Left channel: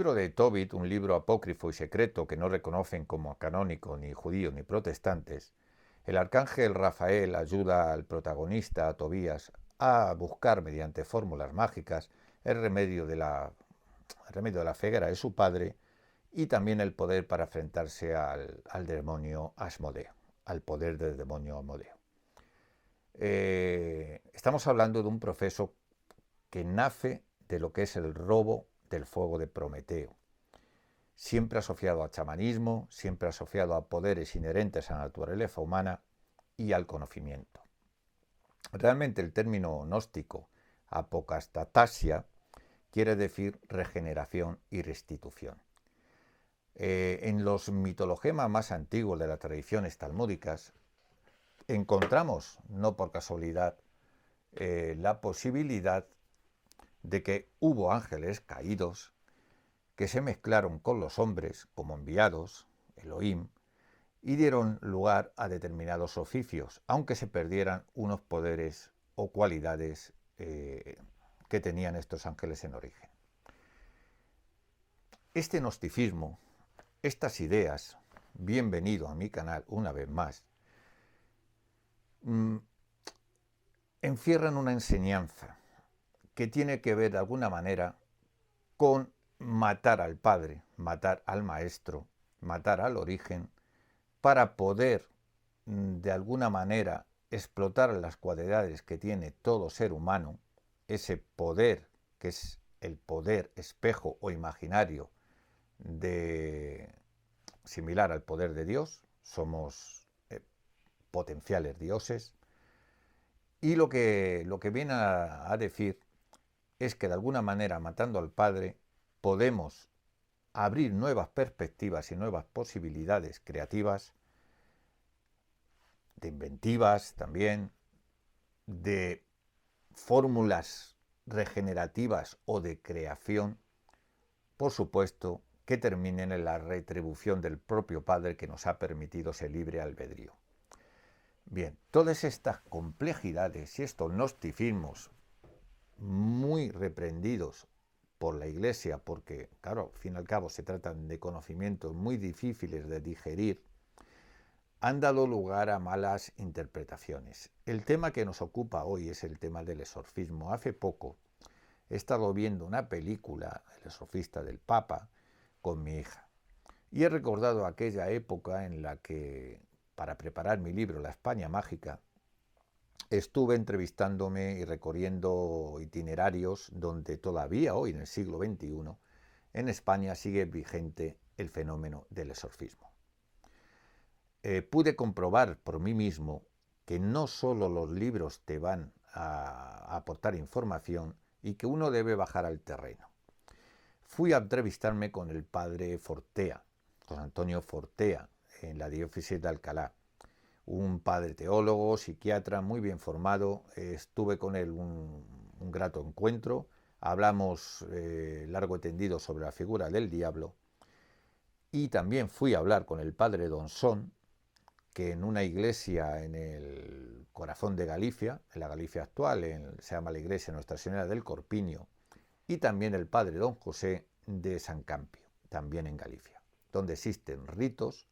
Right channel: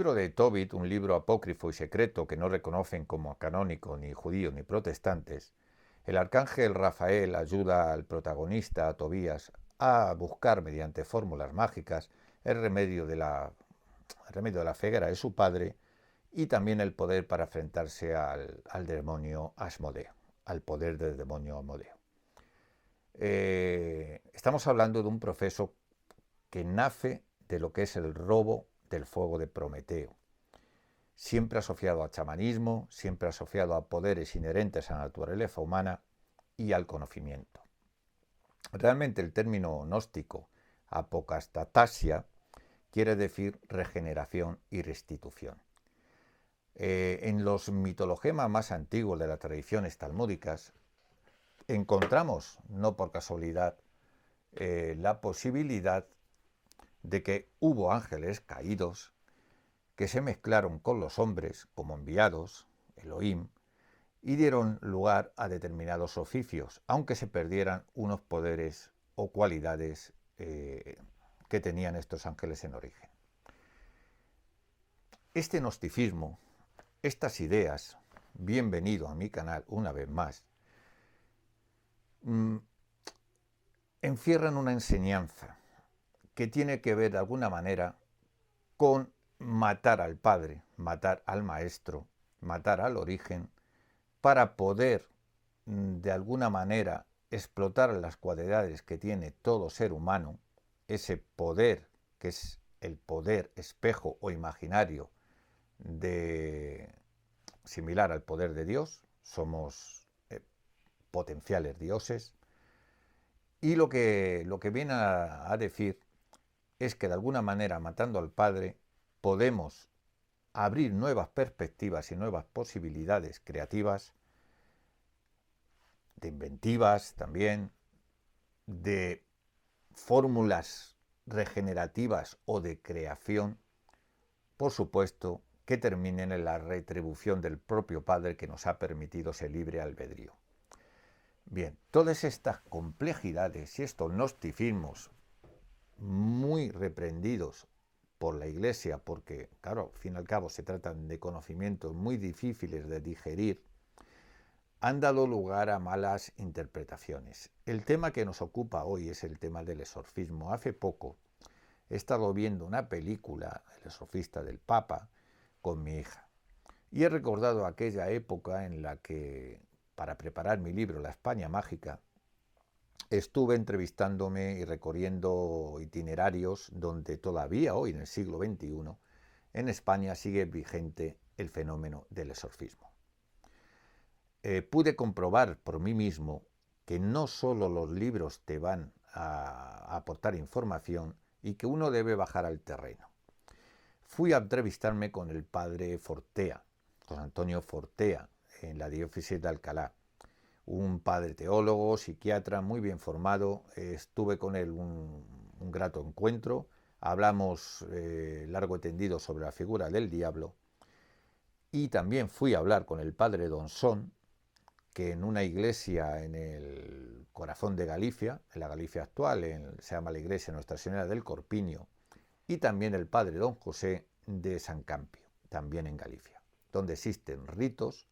libro de Tobit, un libro apócrifo y secreto que no reconocen como canónico ni judíos ni protestantes, el arcángel Rafael ayuda al protagonista, a Tobías, a buscar mediante fórmulas mágicas el remedio de la ceguera de su padre y también el poder para enfrentarse al demonio Asmodeo, al poder del demonio Asmodeo. Estamos hablando de un proceso que nace de lo que es el robo del fuego de Prometeo, siempre asociado a chamanismo, siempre asociado a poderes inherentes a la naturaleza humana y al conocimiento. Realmente el término gnóstico, apocastatasia, quiere decir regeneración y restitución. En los mitologemas más antiguos de las tradiciones talmúdicas encontramos, no por casualidad, la posibilidad de que hubo ángeles caídos que se mezclaron con los hombres como enviados, Elohim, y dieron lugar a determinados oficios, aunque se perdieran unos poderes o cualidades que tenían estos ángeles en origen. Este gnosticismo, estas ideas, bienvenido a mi canal una vez más, encierran una enseñanza que tiene que ver de alguna manera con matar al padre, matar al maestro, matar al origen, para poder de alguna manera explotar las cualidades que tiene todo ser humano, ese poder que es el poder espejo o imaginario similar al poder de Dios, somos potenciales dioses, y lo que viene a decir es que de alguna manera matando al padre podemos abrir nuevas perspectivas y nuevas posibilidades creativas, de inventivas también, de fórmulas regenerativas o de creación, por supuesto, que terminen en la retribución del propio Padre que nos ha permitido ese libre albedrío. Bien, todas estas complejidades y estos gnosticismos muy reprendidos por la Iglesia, porque, claro, al fin y al cabo se tratan de conocimientos muy difíciles de digerir, han dado lugar a malas interpretaciones. El tema que nos ocupa hoy es el tema del exorcismo. Hace poco he estado viendo una película, El exorcista del Papa, con mi hija. Y he recordado aquella época en la que, para preparar mi libro La España Mágica, estuve entrevistándome y recorriendo itinerarios donde todavía hoy, en el siglo XXI, en España sigue vigente el fenómeno del exorcismo. Pude comprobar por mí mismo que no solo los libros te van a aportar información y que uno debe bajar al terreno. Fui a entrevistarme con el padre Fortea, José Antonio Fortea, en la diócesis de Alcalá. Un padre teólogo, psiquiatra, muy bien formado. Estuve con él un grato encuentro. Hablamos largo y tendido sobre la figura del diablo. Y también fui a hablar con el padre Donsón, que en una iglesia en el corazón de Galicia, en la Galicia actual, se llama la iglesia Nuestra Señora del Corpiño, y también el padre Don José de San Campio, también en Galicia, donde existen ritos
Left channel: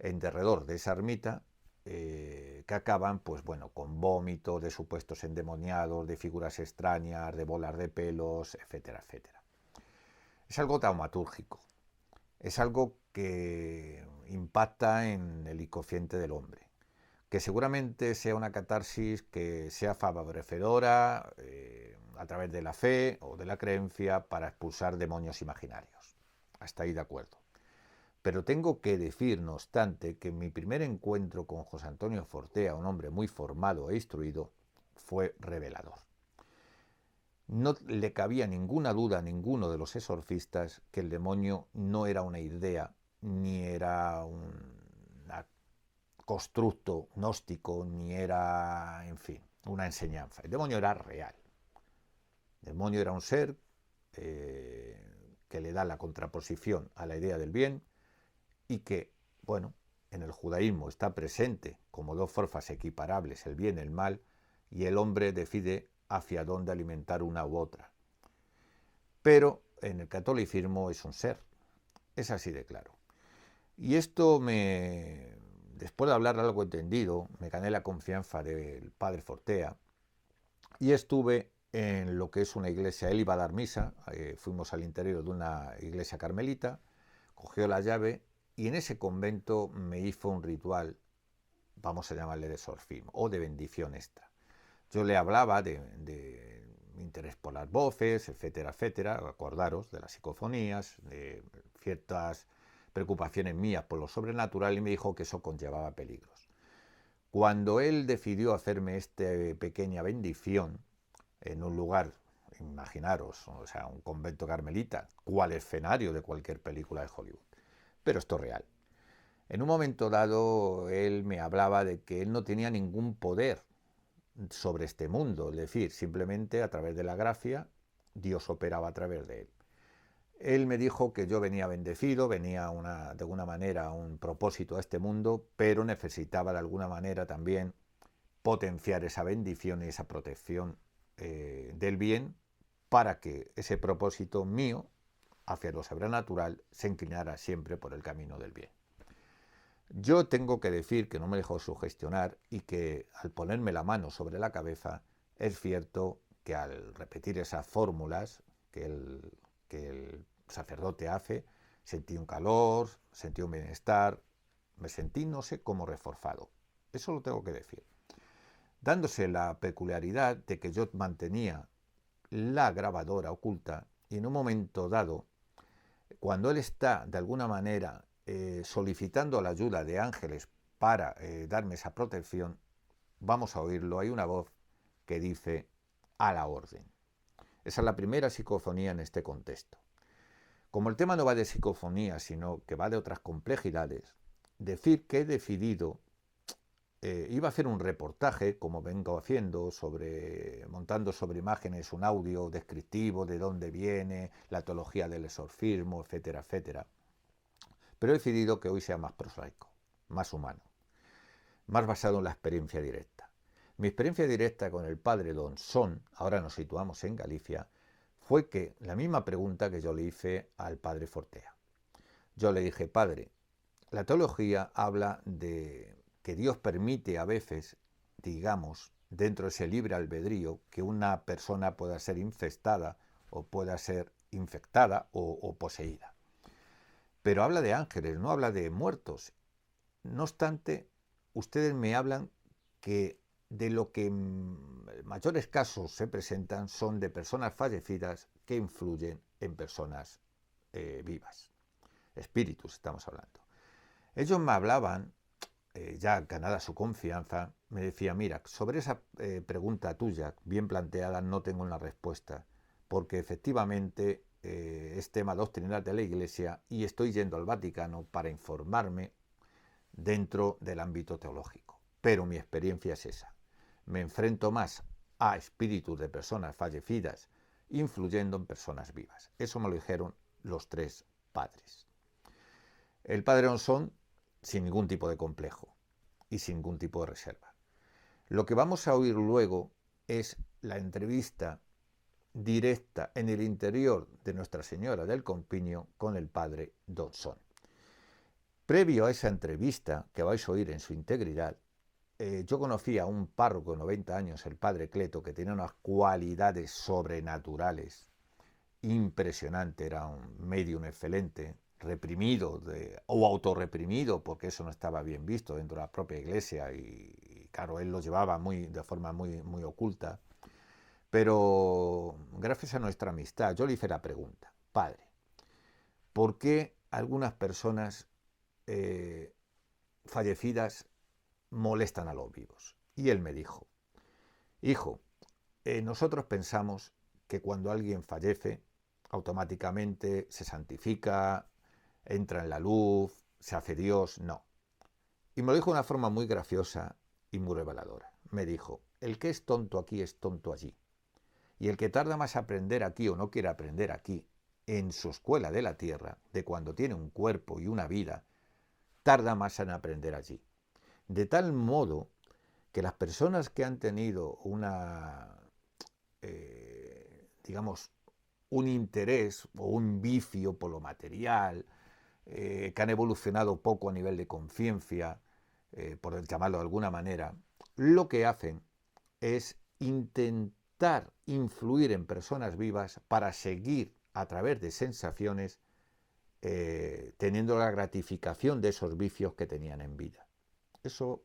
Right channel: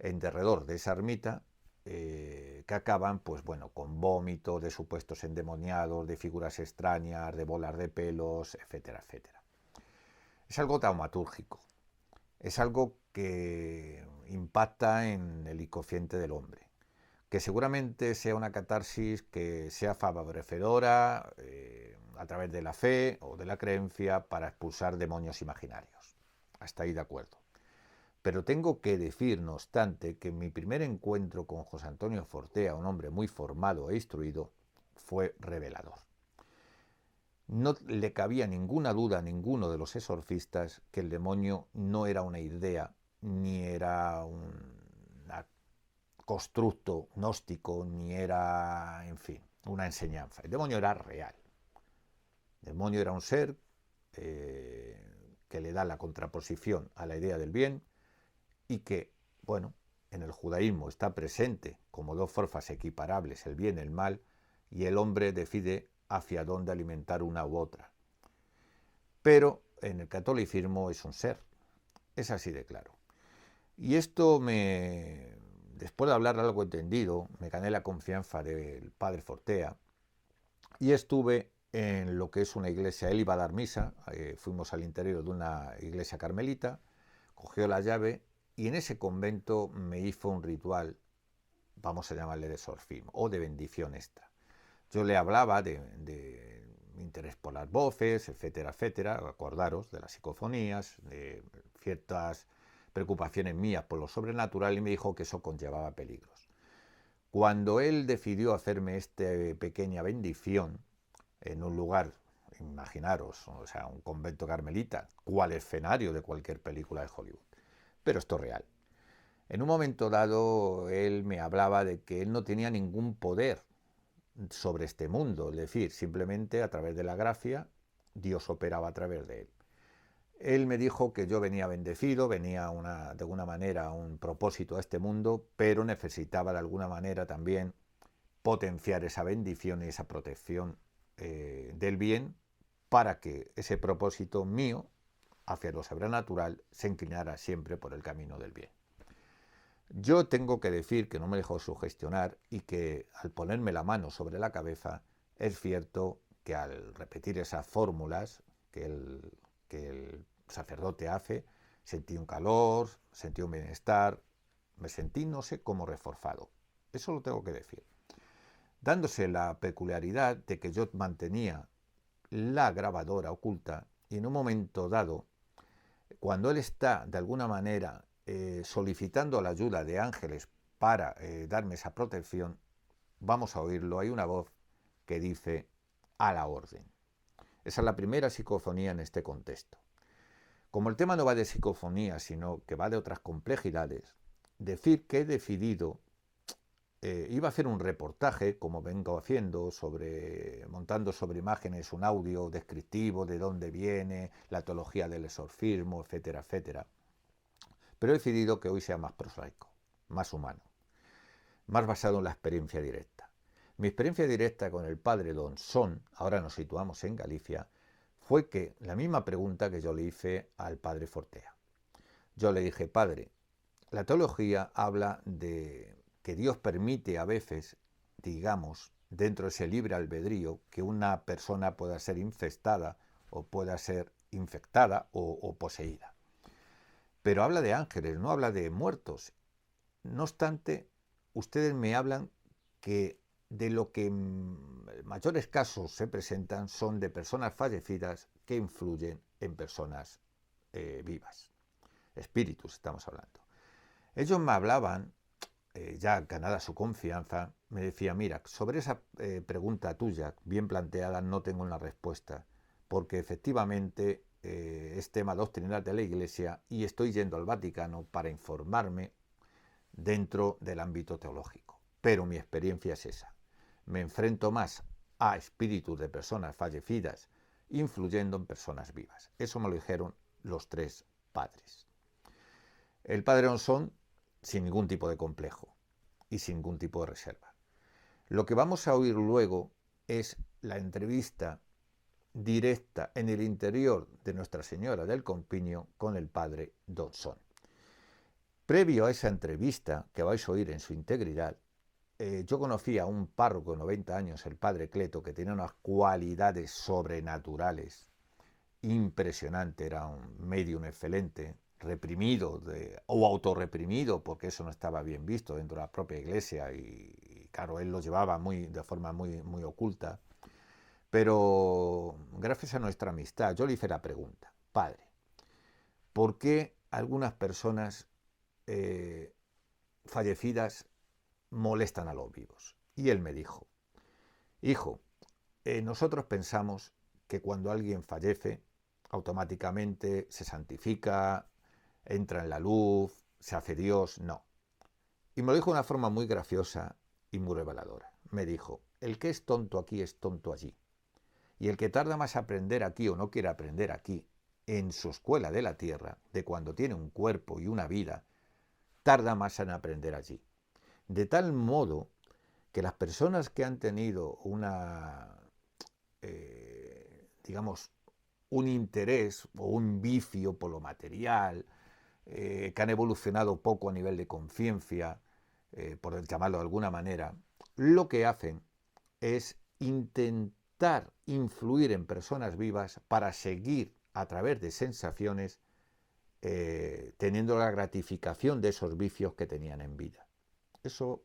en derredor de esa ermita que acaban, pues bueno, con vómito de supuestos endemoniados, de figuras extrañas, de bolas de pelos, etcétera, etcétera. Es algo taumatúrgico, es algo que impacta en el inconsciente del hombre, que seguramente sea una catarsis que sea favorecedora a través de la fe o de la creencia para expulsar demonios imaginarios. Hasta ahí de acuerdo. Pero tengo que decir, no obstante, que mi primer encuentro con José Antonio Fortea, un hombre muy formado e instruido, fue revelador. No le cabía ninguna duda a ninguno de los exorcistas que el demonio no era una idea, ni era un constructo gnóstico, ni era, en fin, una enseñanza. El demonio era real. El demonio era un ser que le da la contraposición a la idea del bien y que, bueno, en el judaísmo está presente como dos fuerzas equiparables, el bien y el mal, y el hombre decide hacia dónde alimentar una u otra. Pero en el catolicismo es un ser. Es así de claro. Y esto después de hablar algo entendido, me gané la confianza del padre Fortea y estuve en lo que es una iglesia. Él iba a dar misa, fuimos al interior de una iglesia carmelita, cogió la llave y en ese convento me hizo un ritual, vamos a llamarle de exorcismo o de bendición extra. Yo le hablaba de mi interés por las voces, etcétera, etcétera, acordaros de las psicofonías, de ciertas preocupaciones mías por lo sobrenatural, y me dijo que eso conllevaba peligros. Cuando él decidió hacerme esta pequeña bendición en un lugar, imaginaros, o sea, un convento carmelita, cual escenario de cualquier película de Hollywood, pero esto es real. En un momento dado, él me hablaba de que él no tenía ningún poder sobre este mundo, es decir, simplemente a través de la gracia, Dios operaba a través de él. Él me dijo que yo venía bendecido, venía de alguna manera un propósito a este mundo, pero necesitaba de alguna manera también potenciar esa bendición y esa protección del bien para que ese propósito mío hacia lo sobrenatural se inclinara siempre por el camino del bien. Yo tengo que decir que no me dejó sugestionar y que al ponerme la mano sobre la cabeza es cierto que al repetir esas fórmulas que el sacerdote hace, sentí un calor, sentí un bienestar, me sentí no sé cómo reforzado. Eso lo tengo que decir. Dándose la peculiaridad de que yo mantenía la grabadora oculta y en un momento dado, cuando él está de alguna manera solicitando la ayuda de ángeles para darme esa protección, vamos a oírlo, hay una voz que dice a la orden. Esa es la primera psicofonía en este contexto. Como el tema no va de psicofonía, sino que va de otras complejidades, decir que he decidido, iba a hacer un reportaje, como vengo haciendo, montando sobre imágenes un audio descriptivo de dónde viene, la teología del exorcismo, etcétera, etcétera. Pero he decidido que hoy sea más prosaico, más humano, más basado en la experiencia directa. Mi experiencia directa con el padre Don Son, ahora nos situamos en Galicia, fue que la misma pregunta que yo le hice al padre Fortea. Yo le dije, padre, la teología habla de que Dios permite a veces, digamos, dentro de ese libre albedrío, que una persona pueda ser infestada o pueda ser infectada o poseída. Pero habla de ángeles, no habla de muertos. No obstante, ustedes me hablan que de lo que en mayores casos se presentan son de personas fallecidas que influyen en personas vivas. Espíritus estamos hablando. Ellos me hablaban, ya ganada su confianza, me decía, mira, sobre esa pregunta tuya, bien planteada, no tengo una respuesta, porque efectivamente es tema doctrinal de la Iglesia y estoy yendo al Vaticano para informarme dentro del ámbito teológico. Pero mi experiencia es esa. Me enfrento más a espíritus de personas fallecidas influyendo en personas vivas. Eso me lo dijeron los tres padres. El padre Onsón, sin ningún tipo de complejo y sin ningún tipo de reserva. Lo que vamos a oír luego es la entrevista directa en el interior de Nuestra Señora del Compiño con el padre Donsón. Previo a esa entrevista, que vais a oír en su integridad, yo conocí a un párroco de 90 años, el padre Cleto, que tenía unas cualidades sobrenaturales impresionantes, era un medium excelente, reprimido o autorreprimido, porque eso no estaba bien visto dentro de la propia iglesia y claro, él lo llevaba de forma muy oculta. Pero gracias a nuestra amistad, yo le hice la pregunta, padre, ¿por qué algunas personas fallecidas molestan a los vivos? Y él me dijo, hijo, nosotros pensamos que cuando alguien fallece, automáticamente se santifica, entra en la luz, se hace Dios. No. Y me lo dijo de una forma muy graciosa y muy reveladora. Me dijo, el que es tonto aquí es tonto allí. Y el que tarda más a aprender aquí o no quiere aprender aquí, en su escuela de la tierra, de cuando tiene un cuerpo y una vida, tarda más en aprender allí. De tal modo que las personas que han tenido una, digamos, un interés o un vicio por lo material, que han evolucionado poco a nivel de conciencia, por llamarlo de alguna manera, lo que hacen es intentar influir en personas vivas para seguir a través de sensaciones teniendo la gratificación de esos vicios que tenían en vida. Eso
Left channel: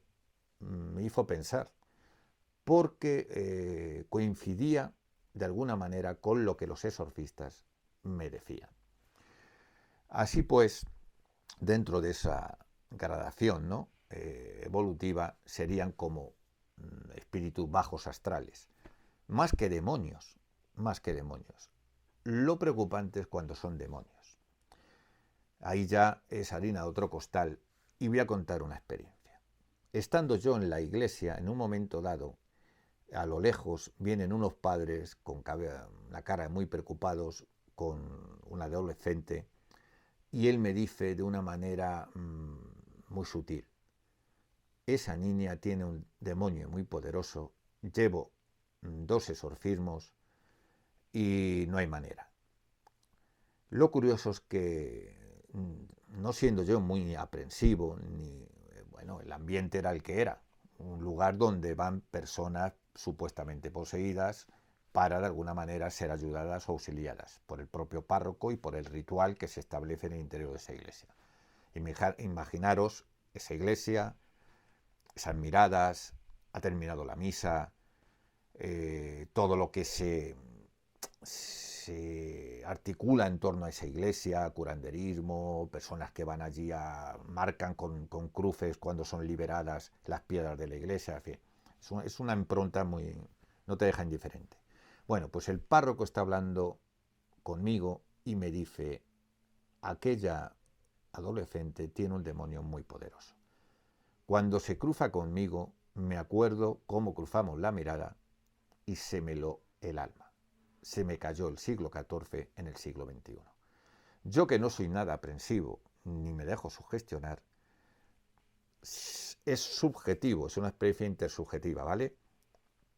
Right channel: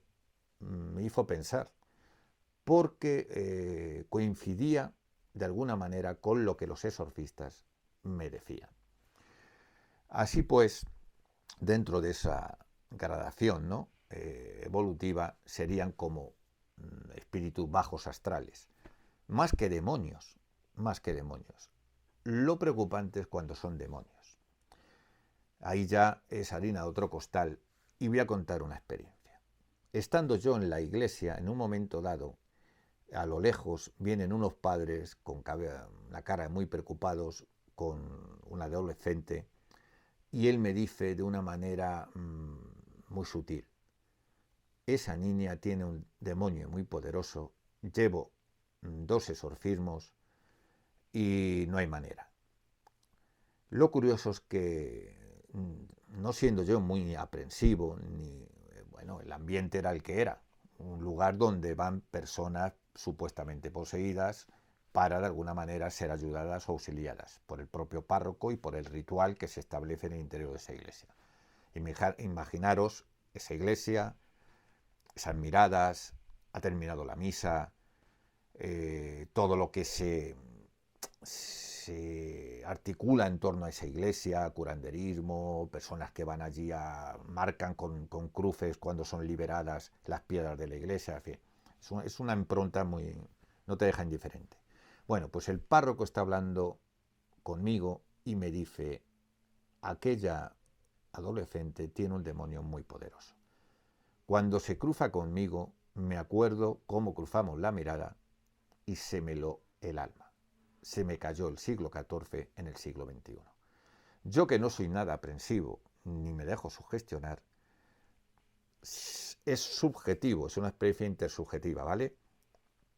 me hizo pensar, porque coincidía de alguna manera con lo que los exorcistas me decían. Así pues, dentro de esa gradación, ¿no?, evolutiva, serían como espíritus bajos astrales, más que demonios, más que demonios. Lo preocupante es cuando son demonios. Ahí ya es harina de otro costal, y voy a contar una experiencia. Estando yo en la iglesia, en un momento dado, a lo lejos vienen unos padres con la cara muy preocupados con un adolescente, y él me dice de una manera muy sutil: esa niña tiene un demonio muy poderoso, llevo 2 exorcismos y no hay manera. Lo curioso es que, no siendo yo muy aprensivo, ni bueno, el ambiente era el que era, un lugar donde van personas supuestamente poseídas para de alguna manera ser ayudadas o auxiliadas por el propio párroco y por el ritual que se establece en el interior de esa iglesia. Imaginaros esa iglesia, esas miradas, ha terminado la misa, todo lo que se articula en torno a esa iglesia, curanderismo, personas que van allí marcan con cruces cuando son liberadas las piedras de la iglesia, en fin, es una impronta muy, no te deja indiferente. Bueno, pues el párroco está hablando conmigo y me dice: aquella adolescente tiene un demonio muy poderoso. Cuando se cruza conmigo, me acuerdo cómo cruzamos la mirada y se me heló el alma. Se me cayó el siglo XIV en el siglo XXI. Yo, que no soy nada aprensivo, ni me dejo sugestionar, es subjetivo, es una experiencia intersubjetiva, ¿vale?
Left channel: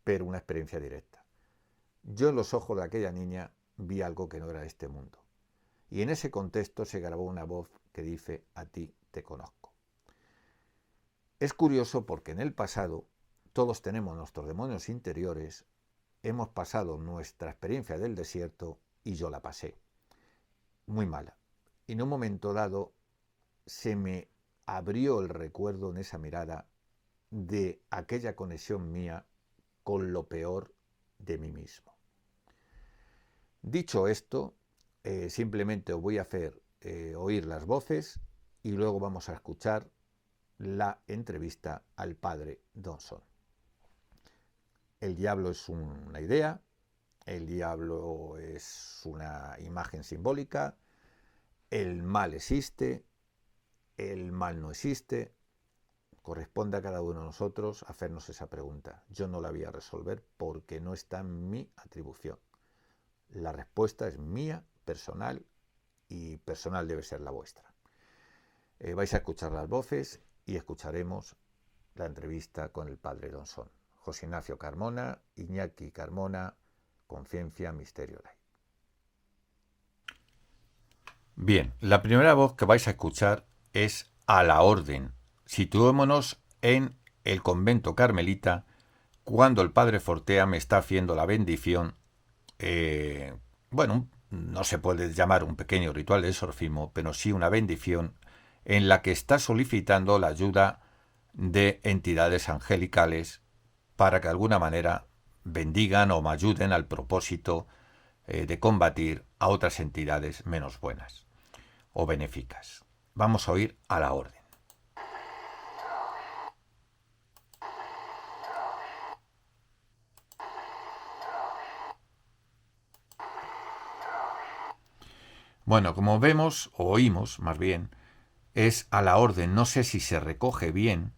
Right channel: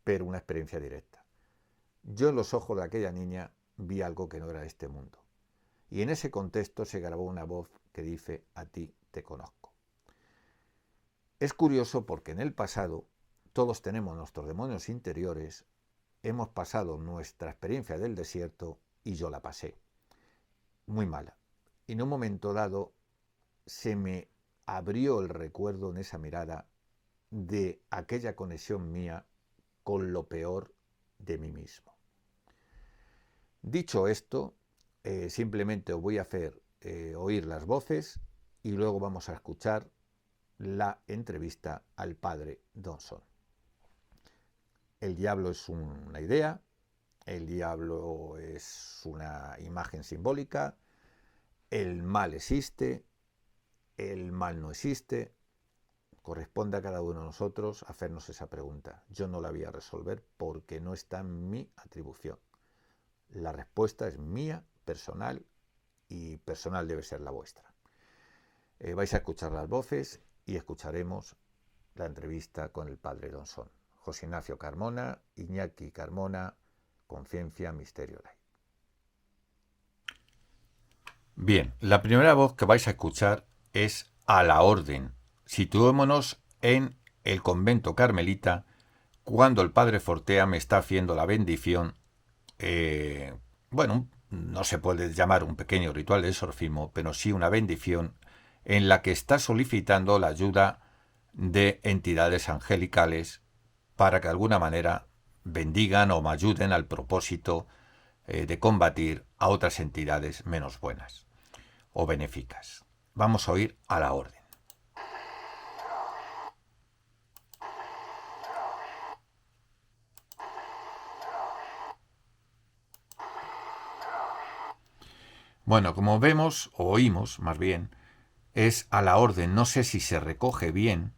Pero una experiencia directa. Yo en los ojos de aquella niña vi algo que no era de este mundo. Y en ese contexto se grabó una voz que dice: a ti te conozco. Es curioso porque en el pasado todos tenemos nuestros demonios interiores, hemos pasado nuestra experiencia del desierto y yo la pasé muy mala. Y en un momento dado se me abrió el recuerdo en esa mirada de aquella conexión mía con lo peor de mí mismo. Dicho esto, simplemente os voy a hacer oír las voces y luego vamos a escuchar la entrevista al padre Donson. El diablo es una idea, el diablo es una imagen simbólica, el mal existe, el mal no existe. Corresponde a cada uno de nosotros hacernos esa pregunta. Yo no la voy a resolver porque no está en mi atribución. La respuesta es mía, personal, y personal debe ser la vuestra. Vais a escuchar las voces y escucharemos la entrevista con el padre Donson. José Ignacio Carmona, Iñaki Carmona, Conciencia, Misterio, Light. Bien, la primera voz que vais a escuchar es a la orden. Situémonos en el convento carmelita cuando el padre Fortea me está haciendo la bendición. Bueno, no se puede llamar un pequeño ritual de exorcismo, pero sí una bendición en la que está solicitando la ayuda de entidades angelicales para que de alguna manera bendigan o me ayuden al propósito de combatir a otras entidades menos buenas o benéficas. Vamos a oír a la orden. Bueno, como vemos, o oímos más bien, es a la orden. No sé si se recoge bien,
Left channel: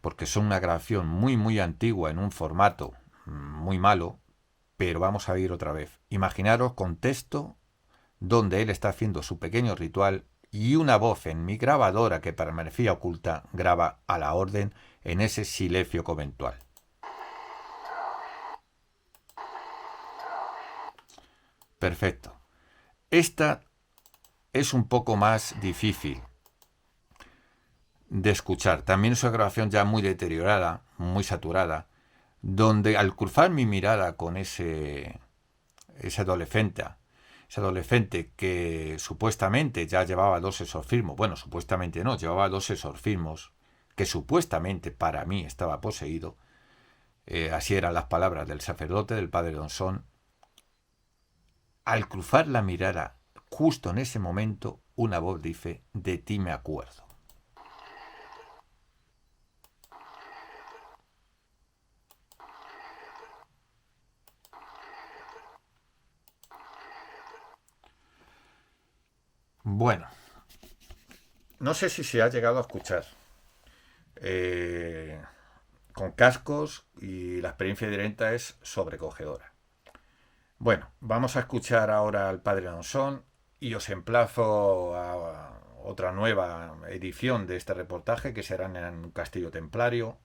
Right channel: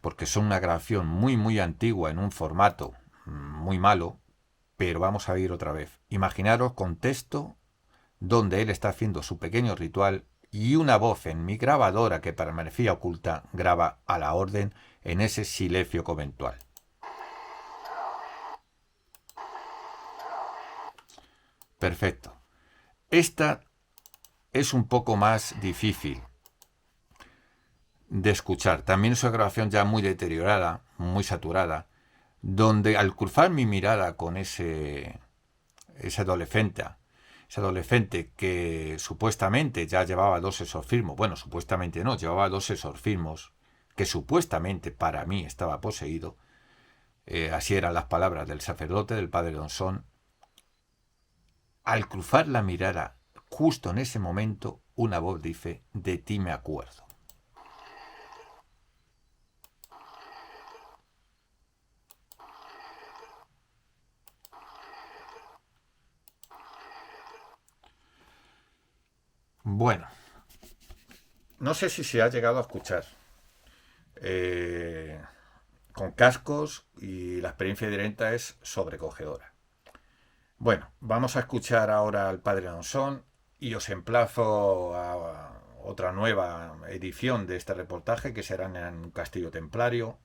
porque son una grabación muy antigua en un formato muy malo, pero vamos a ir otra vez. Imaginaros contexto donde él está haciendo su pequeño ritual y una voz en mi grabadora que permanecía oculta graba a la orden en ese silencio conventual. Perfecto. Esta es un poco más difícil de escuchar. También es una grabación ya muy deteriorada, muy saturada, donde al cruzar mi mirada con ese adolescente que supuestamente ya llevaba 2 exorcismos, bueno, supuestamente no, llevaba 2 exorcismos, que supuestamente para mí estaba poseído, así eran las palabras del sacerdote, del padre Donsón. Al cruzar la mirada, justo en ese momento, una voz dice: de ti me acuerdo. Bueno, no sé si se ha llegado a escuchar. Con cascos, y la experiencia directa es sobrecogedora. Bueno, vamos a escuchar ahora al padre Donsón y os emplazo a otra nueva edición de este reportaje que será en un castillo templario,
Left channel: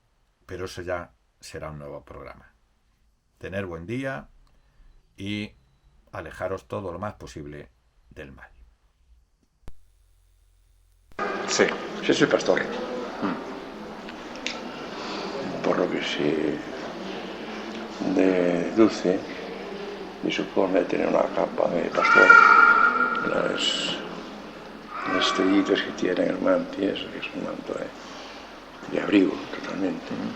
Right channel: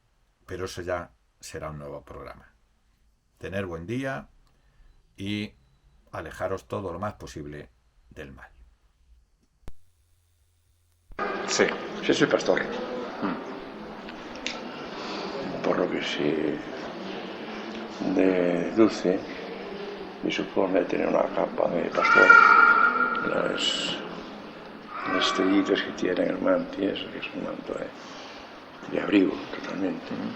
pero eso ya será un nuevo programa. Tener buen día y alejaros todo lo más posible del mal. Sí, sí soy pastor. Por lo que se deduce y supone tener una capa de pastor, las estrellitas que tiene el manto, eso que es un manto de abrigo totalmente, ¿no?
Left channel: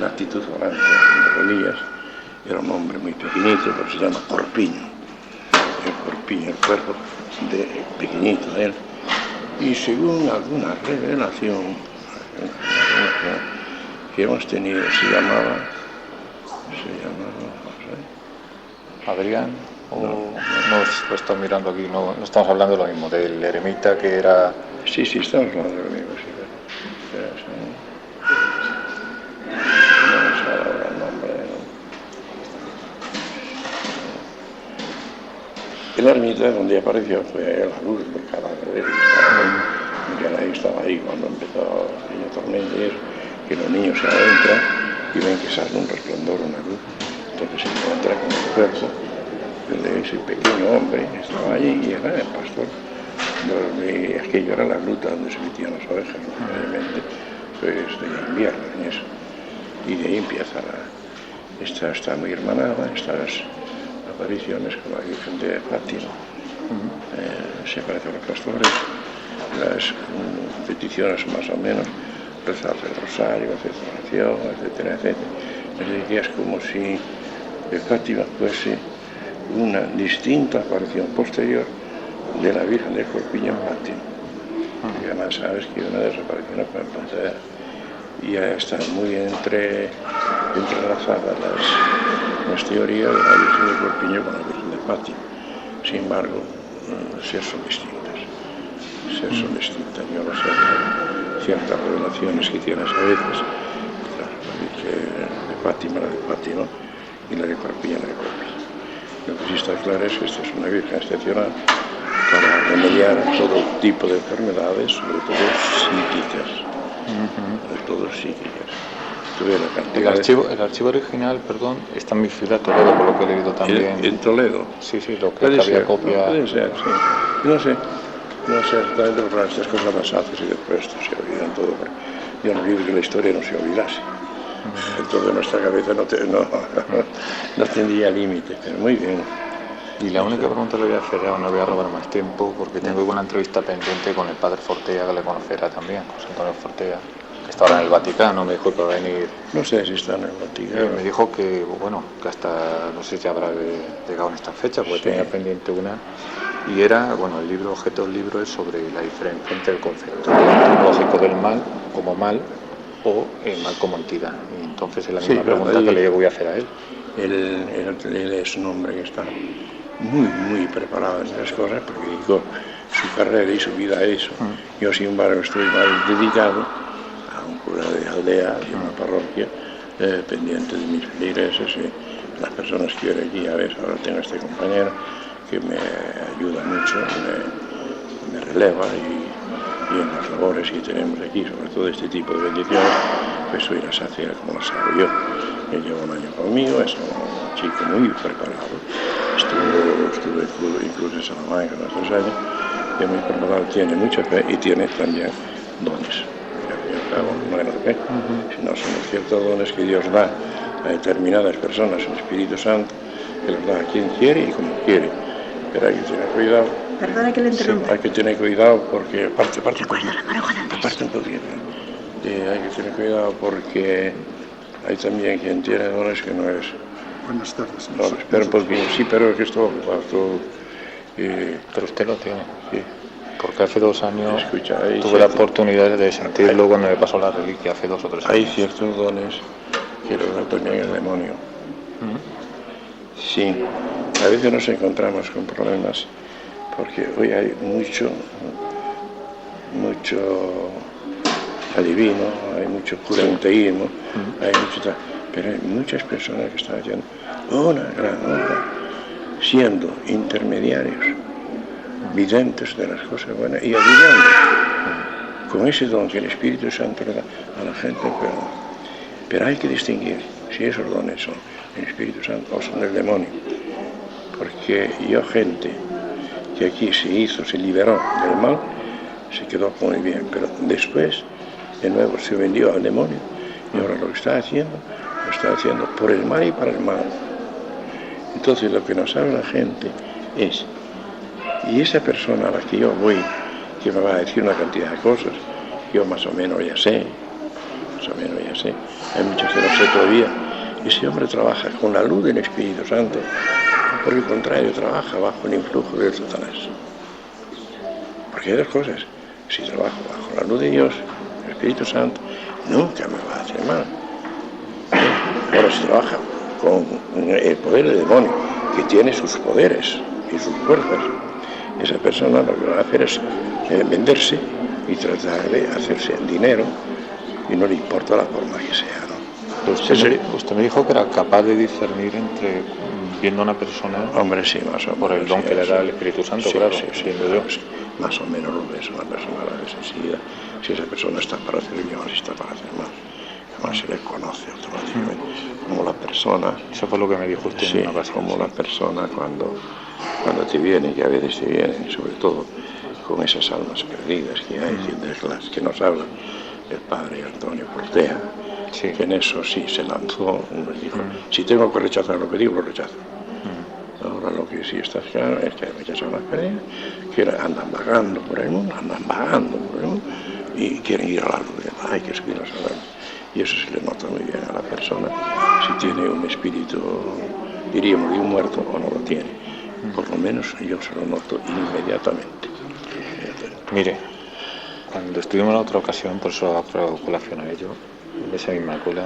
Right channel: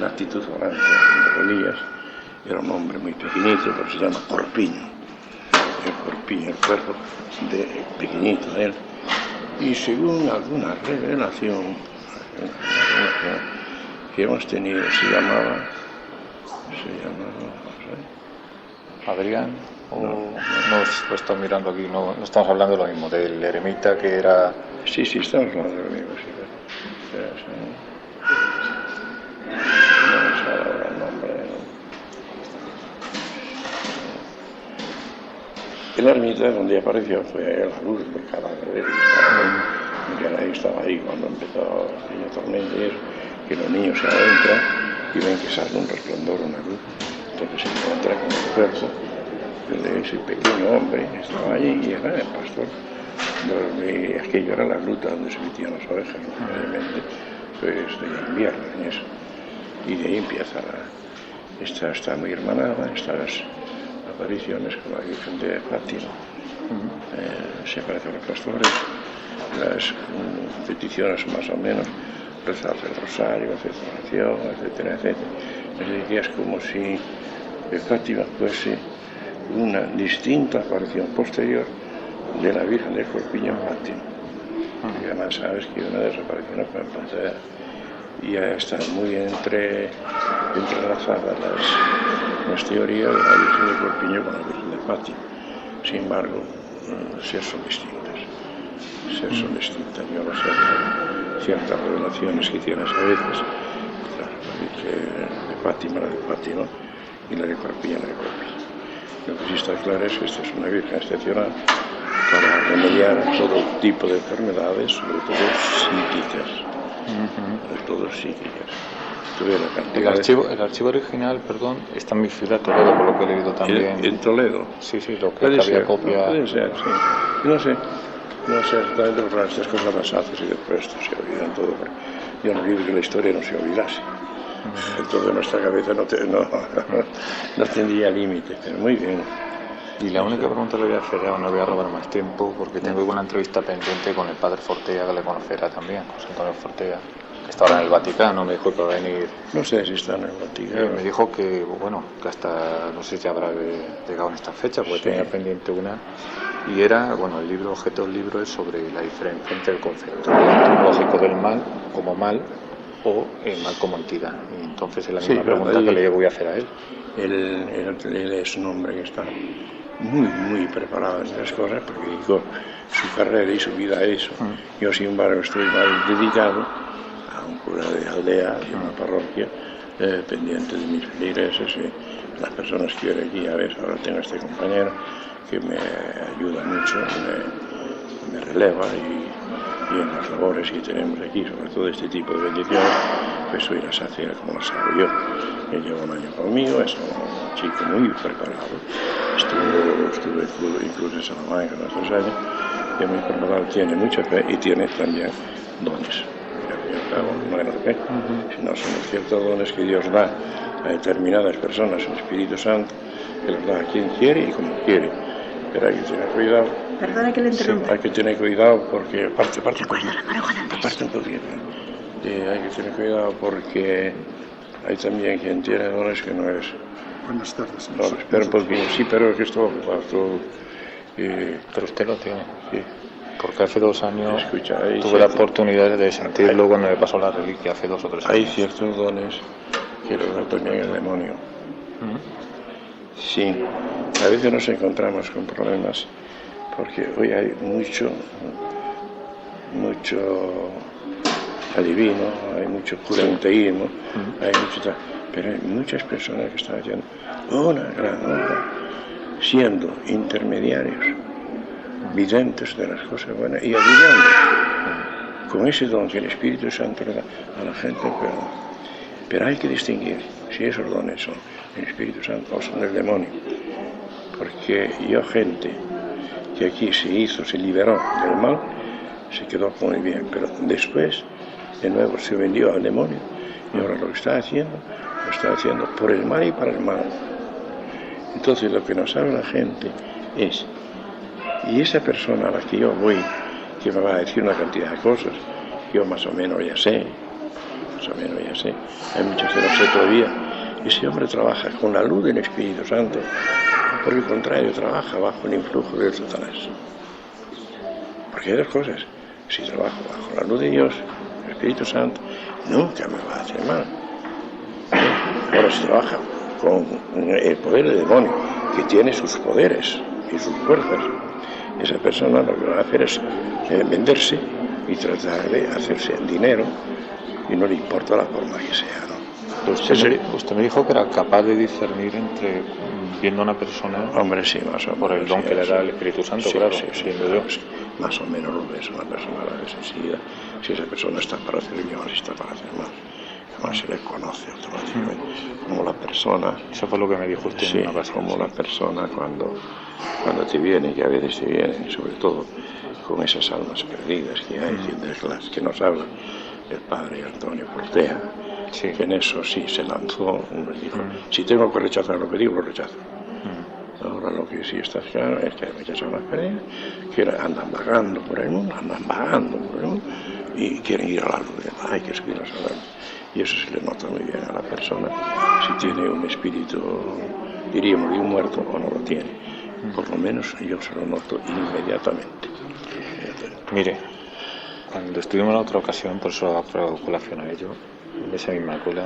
La actitud volante de Elías era un hombre muy pequeñito, pero se llama Corpiño. El Corpiño, el cuerpo pequeñito de él. Y según alguna revelación que hemos tenido, se llamaba, no sé. Adrián, no estoy mirando aquí, no estamos hablando de lo mismo, del eremita que era... Sí, estamos hablando de lo mismo, sí. No me sale ahora el nombre, ¿no? El ermita donde apareció fue la luz del cadáver de él. Miguel estaba ahí cuando empezó el tormento y eso, que los niños se adentran y ven que sale un resplandor, una luz. Entonces se encuentra con el cuerpo de ese pequeño hombre que estaba allí y era el pastor. Aquello era la gruta donde se metían las ovejas, obviamente, pues de invierno en eso. Y de ahí empieza está muy hermanada, estas apariciones con la Virgen de Fátima. Se parece a los pastores, las peticiones más o menos, rezar el rosario, hacer oración, etcétera, etcétera. Es decir, que es como si Fátima fuese una distinta aparición posterior de la Virgen del Corpiño en Fátima. Y además sabes que una de las apariciones fue en Pontevedra. Y ya están muy entrelazadas las teorías de la Virgen del Corpiño con la Virgen de Fátima. Sin embargo, son distintas. Yo no sé, ciertas revelaciones que tienes a veces, la Virgen de Fátima, y la de Corpiño, la de Corpiño. Lo que sí está claro es que esta es una Virgen excepcional para remediar todo tipo de enfermedades, sobre todo psíquicas. El archivo original, está en mi ciudad, Toledo, por lo que he leído también. ¿En Toledo? Sí, lo que había copia. Puede ser, sí. No sé exactamente, pero estas cosas las haces y después esto se olvidan todo. Yo no digo que la historia no se olvidase. Entonces nuestra cabeza no tendría límite, pero muy bien. Y la única pregunta que le voy a hacer, no voy a robar más tiempo, porque tengo una entrevista pendiente con el padre Fortea, que le conocerá también, José Antonio Fortea, que está ahora en el Vaticano, me dijo que va a venir. No sé si está en el Vaticano. Me dijo que hasta, no sé si habrá llegado en esta fecha, porque tenía pendiente una, y era, el objeto del libro es sobre la diferencia entre el concepto ontológico del mal como mal o el mal como entidad. Y entonces es la misma pregunta que le voy a hacer a él. Él es un hombre que está muy preparado en esas cosas, porque dedicó su carrera y su vida a eso. Yo, sin embargo, estoy más dedicado a un cura de aldea y una parroquia, pendiente de mis feligreses y las personas que yo allí. A veces ahora tengo este compañero que me ayuda mucho, me releva y en las labores que tenemos aquí, sobre todo este tipo de bendiciones, pues hoy las hace como las hago yo. Él lleva un año conmigo, es un chico muy preparado, estuve incluso en Salamanca unos 2 años, y muy probable tiene mucha fe y tiene también dones. No es fe, sino son ciertos dones que Dios da a determinadas personas, el Espíritu Santo, que los da a quien quiere y como quiere. Pero hay que tener cuidado. Perdona que le interrumpa. Sí, hay que tener cuidado porque aparte un poquito. Hay que tener cuidado porque hay también quien tiene dones que no es. Buenas tardes. No, espera un poquito. Sí, pero es que esto Pero usted lo tiene. Sí. Porque hace 2 años Escucha, tuve la oportunidad de sentirlo cuando me pasó la reliquia hace 2 o 3 años. Hay ciertos dones que los da también el demonio. Sí, a veces nos encontramos con problemas porque hoy hay mucho adivino, hay mucho curanteísmo, hay mucho, pero hay muchas personas que están haciendo una gran obra siendo intermediarios, videntes de las cosas buenas y adivinando con ese don que el Espíritu Santo le da a la gente, pero hay que distinguir si esos dones son el Espíritu Santo o son el demonio, porque gente que aquí se liberó del mal, se quedó muy bien, pero después de nuevo se vendió al demonio y ahora lo está haciendo por el mal y para el mal. Entonces lo que nos habla la gente es, y esa persona a la que yo voy, que me va a decir una cantidad de cosas, yo más o menos ya sé, hay muchas que no sé todavía, ese hombre trabaja con la luz del Espíritu Santo, por el contrario, trabaja bajo el influjo del Satanás. Porque hay 2 cosas, si trabajo bajo la luz de Dios, el Espíritu Santo, nunca me va a hacer mal. Ahora, si trabaja con el poder del demonio, que tiene sus poderes y sus fuerzas, esa persona lo que va a hacer es venderse y tratar de hacerse dinero y no le importa la forma que sea, ¿no? Usted me dijo que era capaz de discernir entre viendo a una persona. Hombre, sí, más o menos. Por el don que le da el Espíritu Santo, claro, entiendo yo. Más o menos lo ves, una persona la ves enseguida, si esa persona está para hacer bien o si está para hacer mal. Además se le conoce automáticamente, como la persona. Eso fue lo que me dijo usted en una ocasión. Como la persona cuando te viene, que a veces te vienen, sobre todo con esas almas perdidas que hay, de las que nos habla el padre Antonio Portea, que en eso sí se lanzó, nos dijo, si tengo que rechazar lo que digo, lo rechazo. Ahora lo que sí está claro es que rechazan las perdidas, que andan vagando por el mundo, y quieren ir a la luz, hay que subirlos a la luz. Y eso se le nota muy bien a la persona, si tiene un espíritu, diríamos, de un muerto o no lo tiene. Por lo menos yo se lo noto inmediatamente. Mire, cuando estuvimos en la otra ocasión, por eso hago colación a ello, de esa misma cola,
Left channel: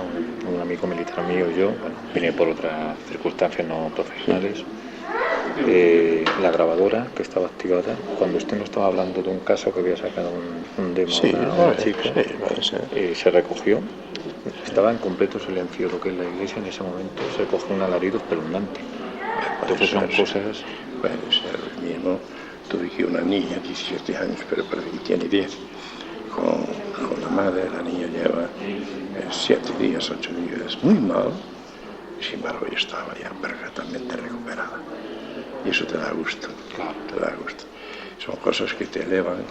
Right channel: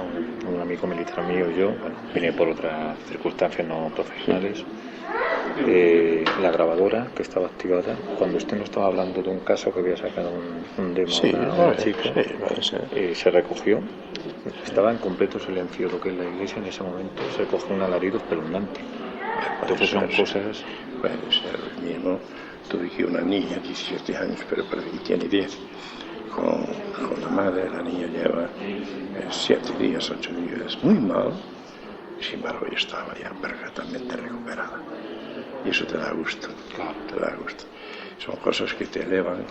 un amigo militar mío y yo, vine por otras circunstancias no profesionales, la grabadora que estaba activada, cuando usted nos estaba hablando de un caso que había sacado un demo a una chica, se recogió, estaba en completo silencio lo que es la iglesia en ese momento, se cogió un alarido espeluznante. Entonces son cosas. Puede ser mismo. Tuve que una niña, 17 años, pero parece que tiene 10, con la madre. La niña lleva 7 días, 8 días, muy mal, sin embargo ella estaba ya perfectamente recuperada. Y eso te da gusto, claro, te da gusto. Son cosas que te elevan,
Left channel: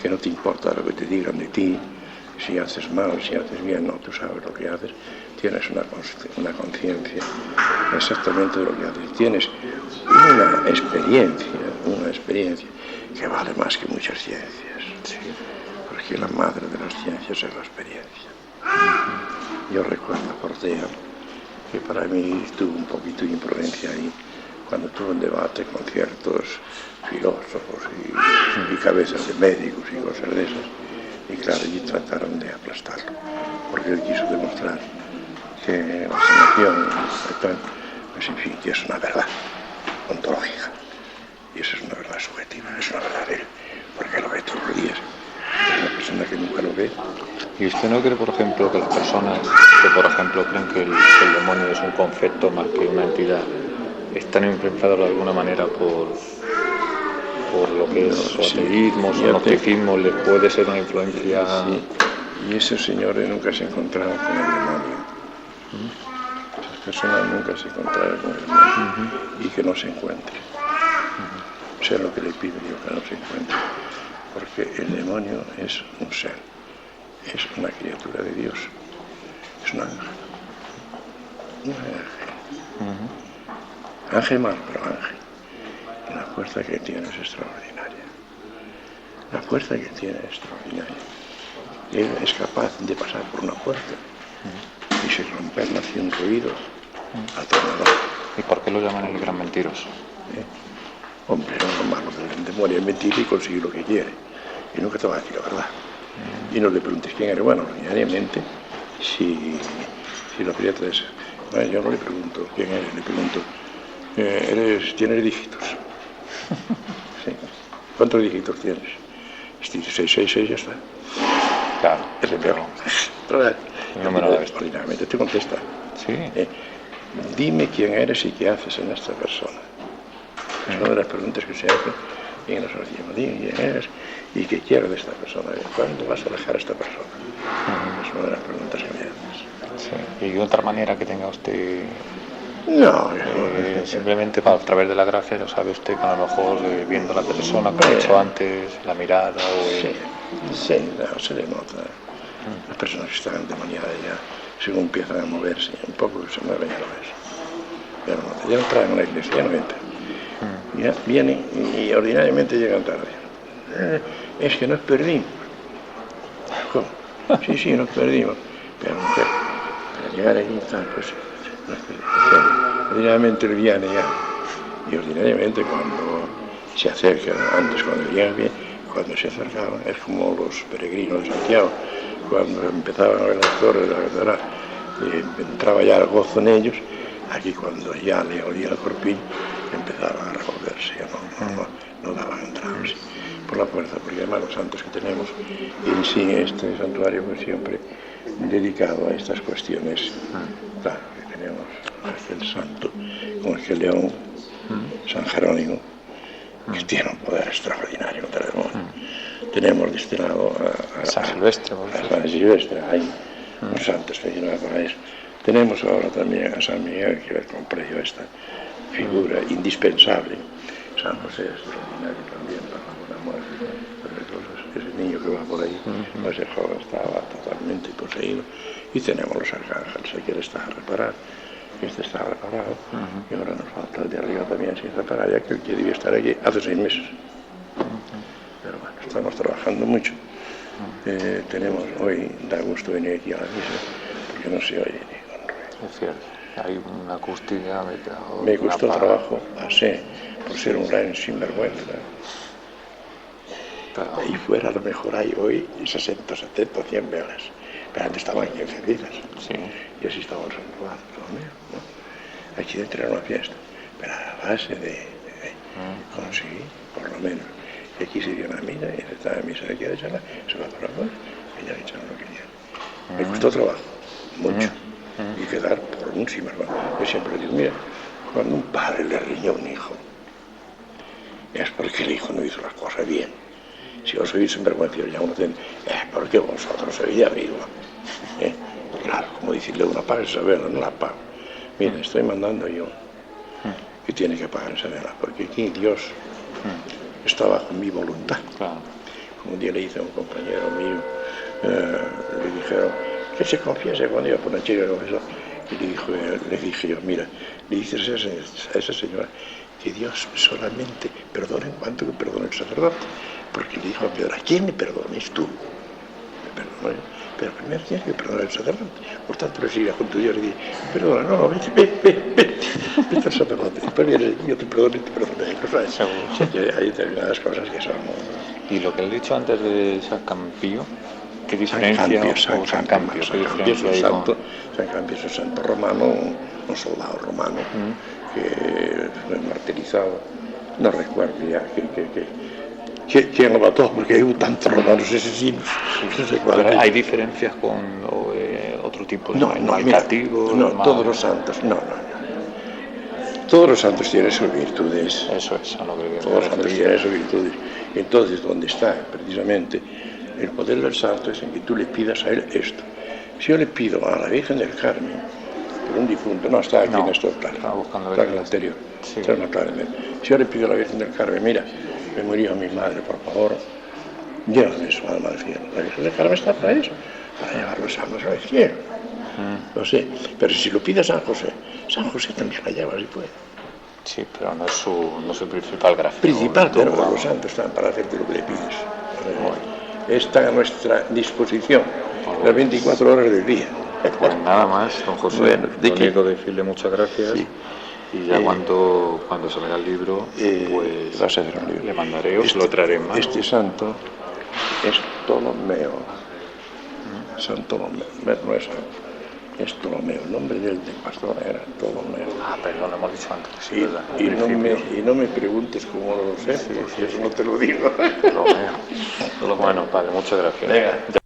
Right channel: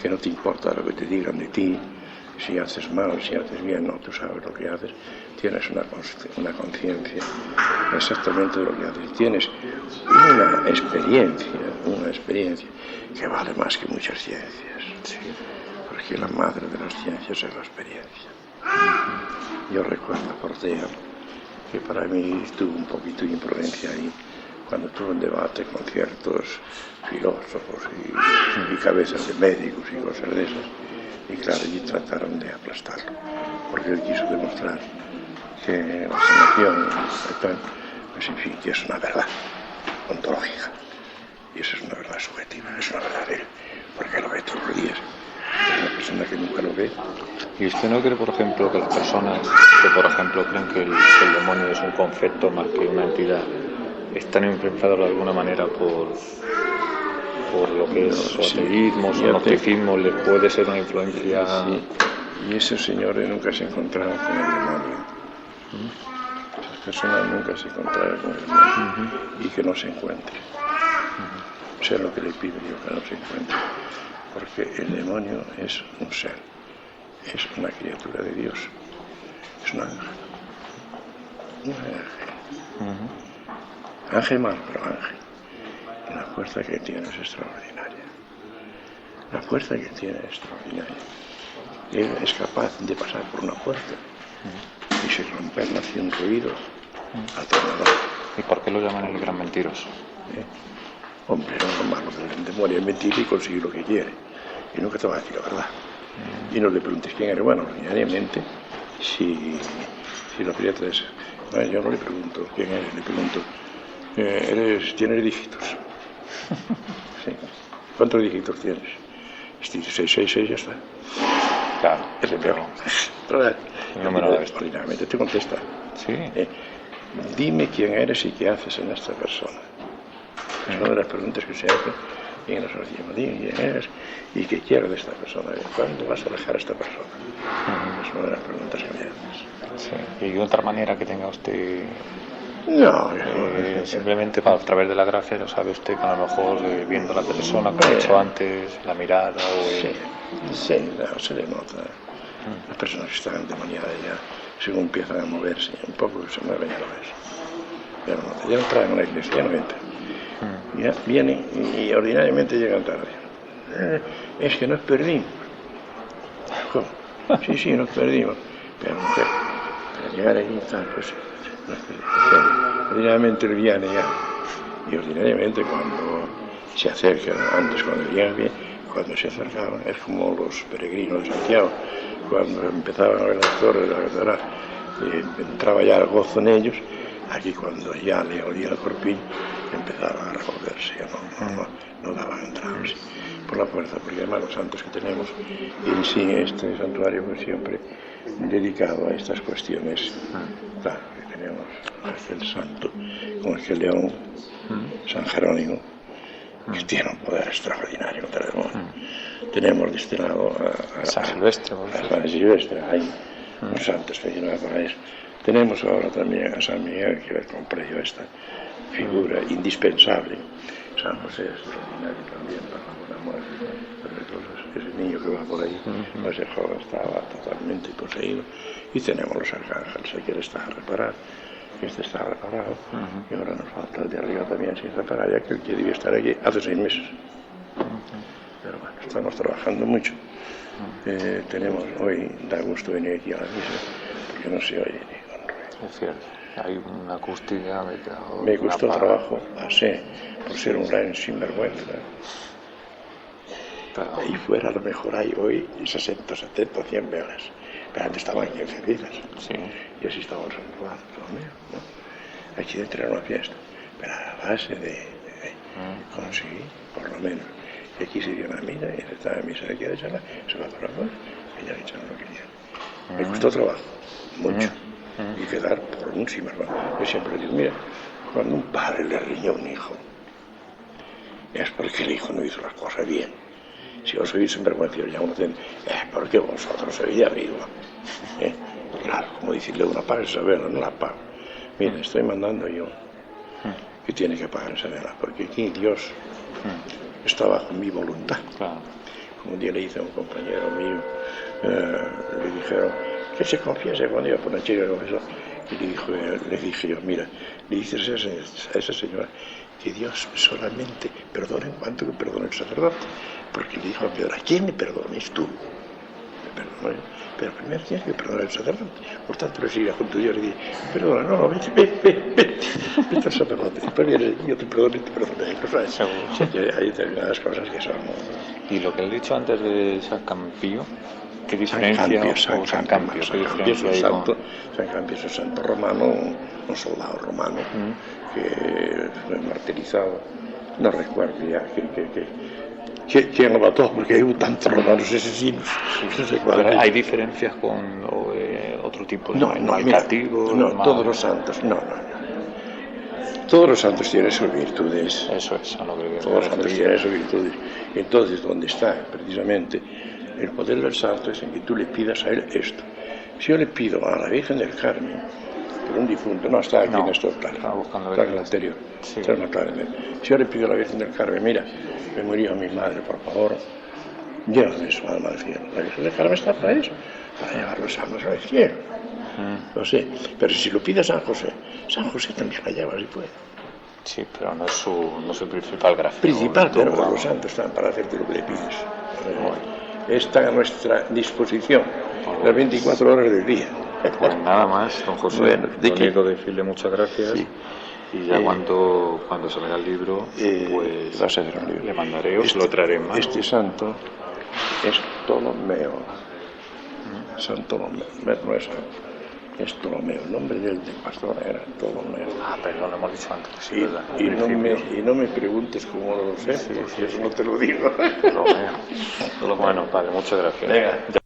que no te importa lo que te digan de ti, si haces mal, si haces bien, no, tú sabes lo que haces, tienes una conciencia exactamente de lo que haces, tienes una experiencia que vale más que muchas ciencias, porque la madre de las ciencias es la experiencia. Yo recuerdo a Portea, que para mí tuvo un poquito de imprudencia ahí, cuando tuvo un debate con ciertos filósofos y cabezas de médicos y cosas de esas, y claro, allí trataron de aplastarlo, porque él quiso demostrar que la sanación pues en fin, que es una verdad ontológica, y eso es una verdad subjetiva, es una verdad de él, porque lo ve todos los días, es una persona que nunca lo ve. ¿Y usted no cree, por ejemplo, que las personas que, por ejemplo, creen que el demonio es un concepto más que una entidad, están influenciados de alguna manera por lo que es su ateísmo, su gnosticismo, les puede ser una influencia? Sí. Y esos señores nunca se encontraron con el demonio. Esas persona nunca se encontrará con el demonio y que no se encuentre. Sea lo que le pido yo, que no se encuentre. Porque el demonio es un ser, es una criatura de Dios, es un ángel. Un ángel. Ángel malo, pero ángel. Y la fuerza que tiene es extraordinaria. La fuerza que tiene es extraordinaria. Él es capaz de pasar por una puerta y sin romperla hace un ruido atronador. ¿Y por qué lo llaman el gran mentiroso? Hombre, lo malo del demonio es mentir y conseguir lo que quiere. Y nunca te va a decir la verdad. Y no le preguntes quién eres. Bueno, ordinariamente, si lo que es... Bueno, yo no le pregunto quién eres, le pregunto, ¿tienes dígitos? Sí. ¿Cuántos dígitos tienes? 666, ya está. Claro. Es el peor. El número de la bestia. Ordinariamente te contesta. Sí. Dime quién eres y qué haces en esta persona. Es una de las preguntas que se hacen y nosotros decimos, dime quién eres y qué quieres de esta persona. ¿Cuándo vas a dejar a esta persona? Es una de las preguntas que me haces. Sí. ¿Y otra manera que tenga usted? No, simplemente a través de la gracia lo sabe usted, que a lo mejor viendo a la persona, como he dicho antes, la mirada o sí, no, se le nota. Las personas que están endemoniadas ya, según empiezan a moverse, un poco se mueven, ya lo ves. Ya no traen a la iglesia, ya no entran. Ya vienen y ordinariamente llegan tarde. Es que nos perdimos. ¿Cómo? Sí, nos perdimos. Pero para llegar aquí tal, pues ordinariamente él viene ya. Y ordinariamente cuando se acercan, antes cuando llegan bien, cuando se acercaban, es como los peregrinos de Santiago, cuando empezaban a ver las torres de la catedral, entraba ya el gozo en ellos. Aquí cuando ya le olía el corpiño, empezaban a revolverse, no daban entradas por la fuerza, porque además los santos que tenemos, y en sí este santuario pues siempre dedicado a estas cuestiones. Claro, que tenemos el santo, como es que León, San Jerónimo, que tiene un poder extraordinario contra el demonio. Tenemos destinado a San Silvestre. A San Silvestre, hay unos santos que llevan para eso. Tenemos ahora también a San Miguel, que ver con precio esta figura indispensable. San José es extraordinario también para la buena muerte. Ese niño que va por ahí, ese joven estaba totalmente poseído. Y tenemos los arcángeles, aquel está reparado, este está reparado, y ahora nos falta el de arriba también sin reparar, ya que el que debía estar aquí hace 6 meses. Pero bueno, estamos trabajando mucho. Tenemos hoy, da gusto venir aquí a la misa, porque no se oye ni con ruido. Es cierto, hay una acústica. Me costó trabajo, así, por ser un gran sinvergüenza. Ahí fuera a lo mejor hay hoy 60, 70, 100 velas. Pero antes estaban aquí encendidas. Sí. Y así estaba el santuario, ¿no? Aquí dentro era una fiesta. Pero a la base de conseguir, por lo menos. Y aquí se dio una misa, y estaba en misa aquí de charla, se va para afuera, y ya echaron lo que querían. Me costó trabajo, mucho. Y quedar por un sinvergüenza. Yo siempre digo, mira, cuando un padre le riña a un hijo, es porque el hijo no hizo las cosas bien. Si vos sois sinvergüenza, ya uno tiene, porque vosotros sois de arriba. Claro, como decirle una paga esa vela, no la pago. Mira, estoy mandando yo que tiene que pagar esa vela, porque aquí Dios está bajo mi voluntad. Claro. Como un día le hice a un compañero mío, le dijeron que se confiese cuando iba por una chica que confesó. Y le dije yo, mira, le dices a esa señora que Dios solamente perdona en cuanto que perdona el sacerdote. Porque le dijo a Pedro, ¿a quién me perdones tú? Me perdono yo. Pero primero tienes que perdonar al sacerdote. Por tanto, le sigue junto a Dios y dice, perdona, no, vete al sacerdote. Después vienes aquí, yo te perdono y te perdono. O sea, hay determinadas cosas que son... Y lo que he dicho antes de San Campio, ¿qué diferencia? San Campio es un santo romano, un soldado romano que fue martirizado. No recuerdo ya ¿quién lo mató? Porque hay tantos romanos asesinos. Pero hay diferencias con otro tipo de malcativos. No, todos los santos, no. Todos los santos tienen sus virtudes. Eso es, a lo que todos los santos tienen sus virtudes. Entonces, ¿dónde está precisamente el poder del santo? Es en que tú le pidas a él esto. Si yo le pido a la Virgen del Carmen pero un difunto, no, está aquí No, en esto, claro, estaba buscando está ver en el qué anterior, sí. está en el claramente. Si yo le pido a la Virgen del Carmen, mira, me murió mi madre, por favor, llévame su alma al cielo. La Virgen del Carmen está para eso, para llevar los almas al cielo. No sé, pero si lo pide a San José también la lleva si puede. Sí, pero no es su principal gracia. Principal, pero los santos están para hacerte lo que le pides. Está a nuestra disposición las 24 horas del día. Pues nada más, don José. Bueno, lo único decirle muchas gracias. Sí. Y ya cuando se me da el libro, pues vas a hacer un libro. le mandaré o se lo traeré en mano. Este santo es Ptolomeo. San Ptolomeo, no es santo, es Ptolomeo. El nombre del pastor era Ptolomeo. Ah, perdón, lo hemos dicho antes. Sí, Y, verdad, y no me preguntes cómo lo sé, porque eso no te lo digo. Ptolomeo. Bueno, padre, muchas gracias. Venga.